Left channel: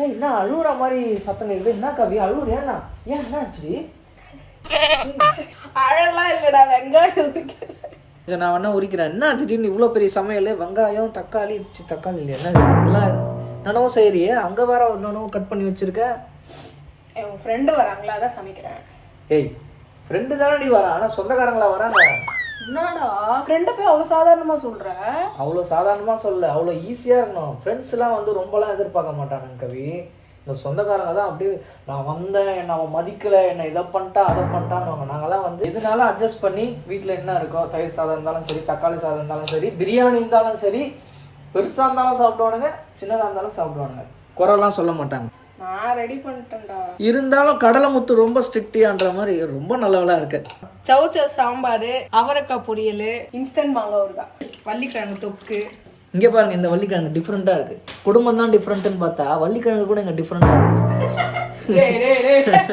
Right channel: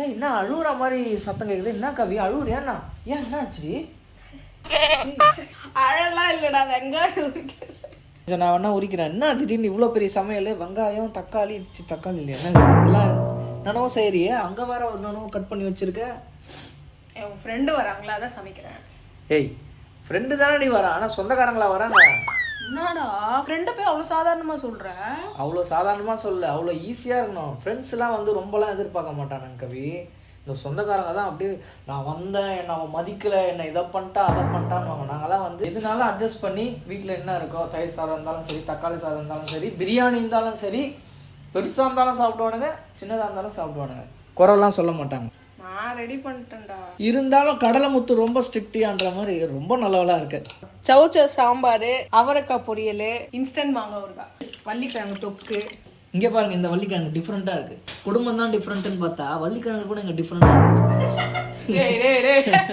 ஏய் என்ன அழுகுற மாதிரி சத்தம் கேக்குது? என்ன கவி அழுகுறியா? ஏன் என்னாச்சு? அழலாம் இல்லடா, வெங்காயம் நான் வேணா உரிக்கிறேன். என்ன திடீர்னு இவ்வளோ பெரிய சமையல்? வெங்காயம் தக்காளி தக்காளி இல்லையா? என்ன இதெல்லாம் நானும் சரியே, அங்கே வேற நானும் கட் பண்ணி வச்சிருக்க. என் ஃப்ரெண்டு வராங்களா, அதான் சமைக்கிறேன். ஏய் ஃப்ரெண்டு தானே நீ வர, ஆனால் சொந்தக்காரங்களா வராங்க. என்னடா ஃப்ரெண்டை போய் அவ்வளோ சாதாரணமாக சொல்கிறேன்? அவ்வளோ சாதாரணமாக சொல்ல, அவ்வளோ ஈஸியாக இருக்கணும். ஃப்ரெண்ட்ஸ்லாம் வந்து ரொம்பலாம் எதிர்பார்க்க மாட்டானுங்க கவி. இந்த சொந்தக்காரங்க தான் அப்படியே நான் வந்தேன், என்னை அவன் மதிக்கலை, என்னை இதை பண்ணிட்டான் அதை பண்ணிட்டான்னு. நாங்கள்லாம் வந்து எதுனாலும் அட்ஜஸ்ட் பண்ணி வீட்டில் என்ன இருக்கோ, தயிர் சாதம் இருந்தாலும் சரி, தக்காளி சாதம் இருந்தாலும் சரி, பிரியாணி இருந்தாலும் சரி, பெருசாக இருந்தாலும் சாப்பிடுவானுங்க, சின்னதாக இருந்தாலும் சாப்பிடுவானுங்க. குறைலாம் சொல்ல மாட்டாங்க. நான் ரெடி பண்ணிட்டேன்டா. இருந்தாலும் கடலை முத்து ரொம்ப ஸ்ட்ரிக்டியான்ற மாதிரி ரொம்ப நல்லவளா இருக்கு. சவுச்ச சாம்பார், அவரைக்காய் பொரியல், இன்ஸ்டன்ட் மாங்காய் ஊறுகாய், வள்ளிக்கிழங்கு தொக்கு. இங்கே பாருங்க, இந்த வள்ளிக்கிழங்கு டிஃப்ரெண்ட்டாக இருக்குது. குடும்பம் தான் டிஃப்ரெண்ட்டுன்னு பார்த்தா வள்ளிக்கிழங்கு கூட இங்கே டிஃப்ரெண்ட்டாக இருக்குது.